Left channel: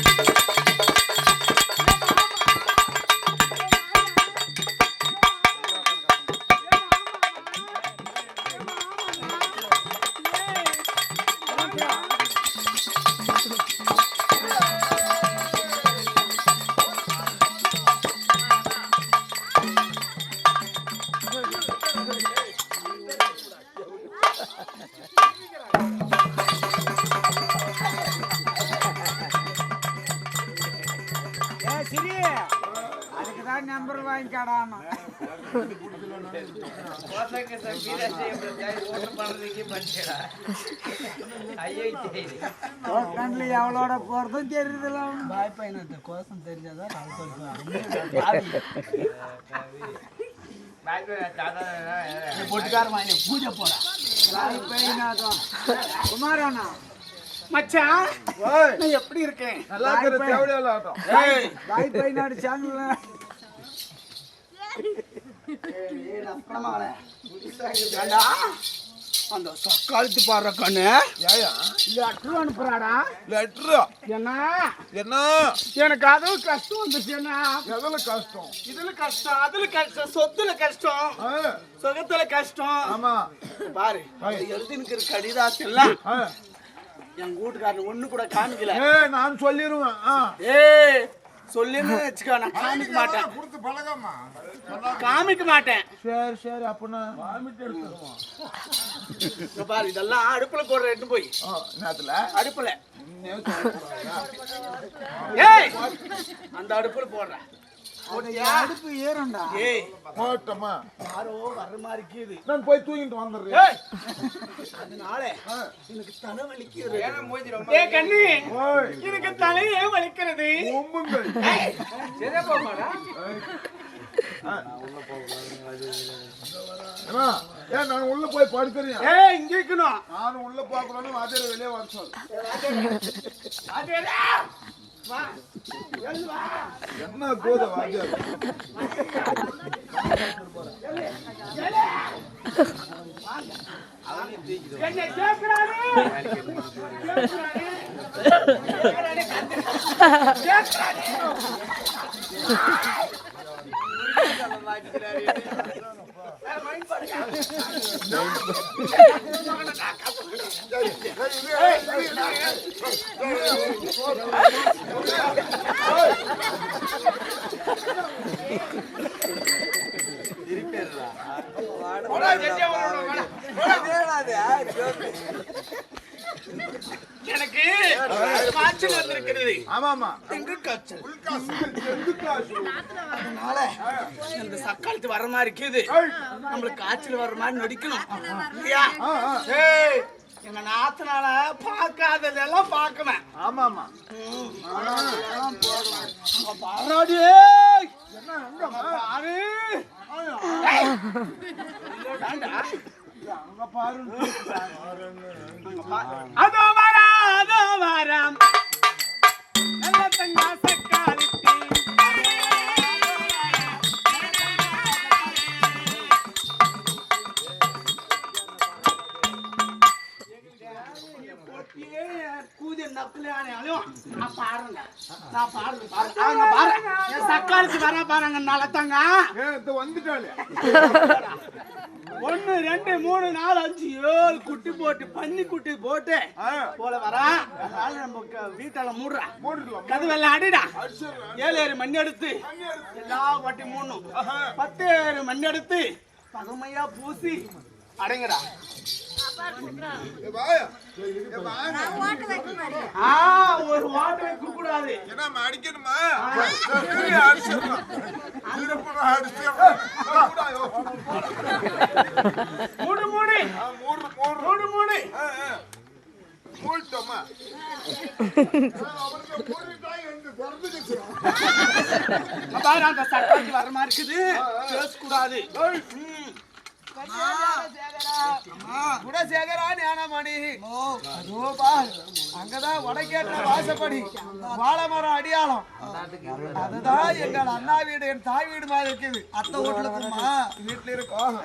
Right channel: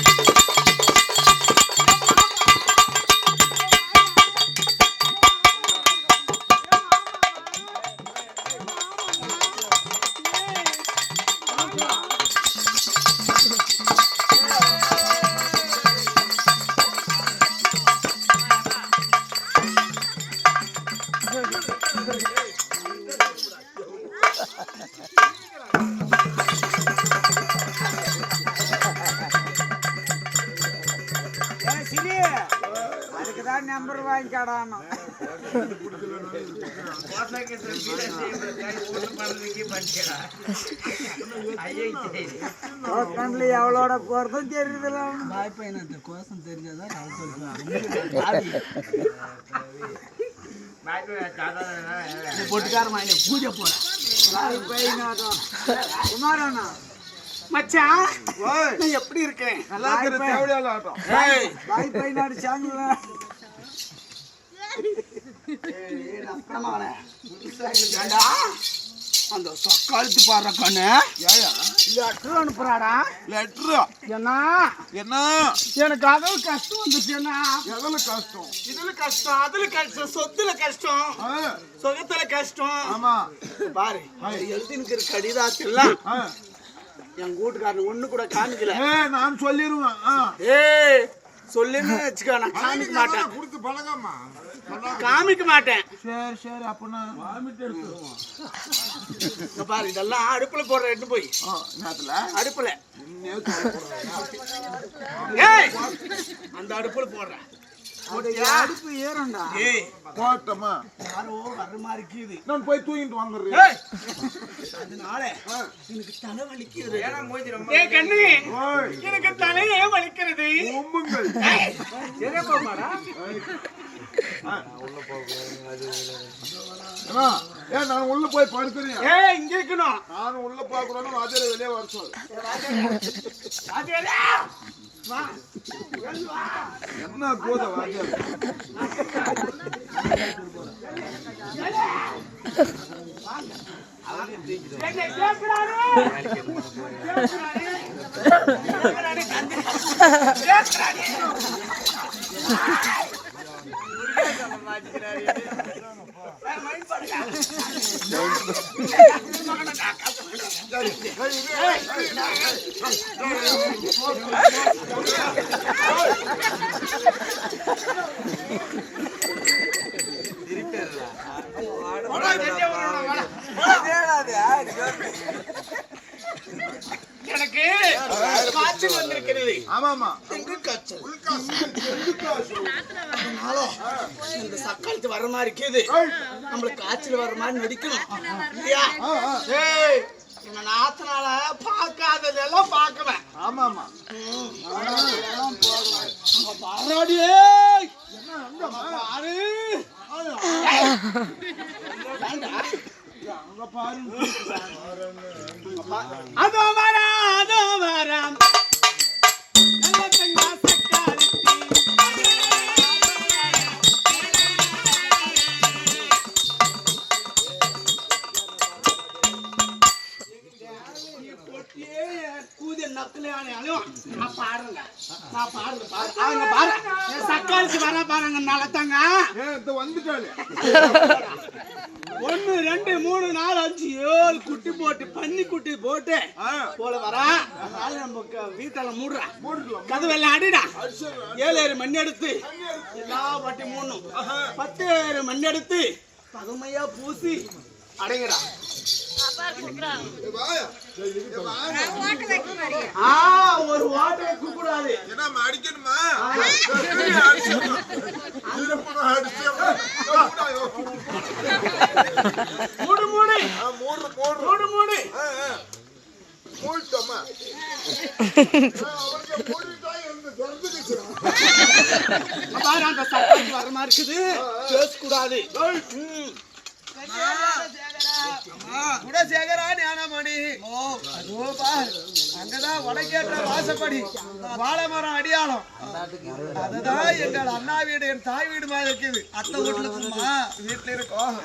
ஏய், நம்பர் வாங்கிக்காடாமா பண்ணல எவ்வளோட போகிறதும் தெரியுதுல வாய்ப்பு எனக்கு கோசம் தெரிஞ்சதான் பொட்டுக்காரமா பூஜை போட குமாரானா மச்சான் நான் எப்படி இருக்கேன் நல்லா இருக்கிற தேவையில்ல ஆட்டம் அந்த சக்காலத்து பாடுற கண்ணு ஏயா லெட்டர் அனுப்புறாடா லெட்ரு என்ன என்ன எனக்கு அதுல கஷ்டம் வந்துச்சு என்ன எதுல கஷ்டம் இதுல கஷ்டம் அதுல கஷ்டம் சொத்துல கஷ்டம் ஆ, சுகத்துல கஷ்டம் ஆமா பாரு எழுதினுக்கிற கடிதாத்துல ஆ. என் வீட்டுக்காரன் ஒண்ணு கூட காமிக்கல நான் சொல்லிடுவேன் ஆ. சொல்லுன்னு வச்சுக்கோ நான் காமிக்க மாட்டேன். கொடுத்து பழகம்மா காமிக்க மாட்டேன். சரி சரி அப்படின்னா வாமிட்டு பாரு இதெல்லாம் அடுப்புல போடுற எட்டு போய். நேரத்துல அடுப்புல. ஏய்! அந்த அடுப்புல போடுறேன். அடுப்பு ஏறண்டா ஏய். போட்டோமா? யாரோ வர்ற மாதிரி இருக்குது. நான் போய் தூங்கிட்டு வந்துடுறேன். ஏய். அதனால எனக்கு தலை வலிக்கிறது ஏய் கண்ணு. ஓய். எனக்கு தலையே வலிக்கிறது ஒம்புங்கள். சரியா போமாடா அண்ணா, ஏன் நான் உள்ள போய் படுக்கிறேன் ஏய் இங்க இருக்கணும். நானும் உள்ள போக கூடாது வெளியே வர சொல்லு என்ன போத வாத்தியார் என்னை எனக்கு காய்ச்சல் வந்திருக்கிறது. ஆமாமா. எங்க காய்ச்சல் அதனால இந்த சக்காலத்து வர மாதிரி இருக்குது. நம்மளுக்கு காய்ச்சல் வர்ற மாதிரி நடிக்கணும். இல்லையா? எங்க நாத்தனால பார்க்காததெல்லாம் பார்க்குவேன் ஆமாமா. அங்க பாராடி ஏய். என்ன பாரு. அங்க பாரு அதோ வராம், அதோ வராம். கூதிய நக்குலையானாலும் நான் பாடுறேங்க. நான். அவங்க பாரு. என் வர பாருங்க இந்த வந்துட்டாளே. ஒன்னு ரெண்டு மூணு நாலு அஞ்சு ஏழு குட்டி போட்டு பன்னி குட்டி போட்டு போல வரா. அதனால நம்ம வீட்டால மூடுறா. கதவெல்லாம் அடிடா. ஏழு ஏழு மணி எடுத்து எல்லா பட்டி மூடணும். பத்து ஏழு மணி எடுத்து பகமையா பூசி அடைங்கடா. ஒரு கூடாது என்ன அடிக்கணுமா அடிச்சிடணும். திருப்பணம் அடிச்சிடணும். மூடு மூடு ஆ, மூடு, மூடு. மூடு மூடு ஆ, ஆ. மூடிட்டோமா? ஆ, அவருக்கு மூடிட்டா எனக்கு திறந்துக்கிச்சு. பாரு அந்த சட்டத்துக்கு வர மாதிரி இருக்குது பேசக்கூடாது ம். குடசேகரா ஞானமணி அதோப்பா, அங்கதான் வடக்கேற்ற வாசப்படி. வாழமரம் அடியாளம். அதுதான் எங்கள் அண்ணா வீடு என் தாய் வீடு மாதிரி இருக்குது. அத்தை வீட்டுல வீட்டுல இருக்கோம்.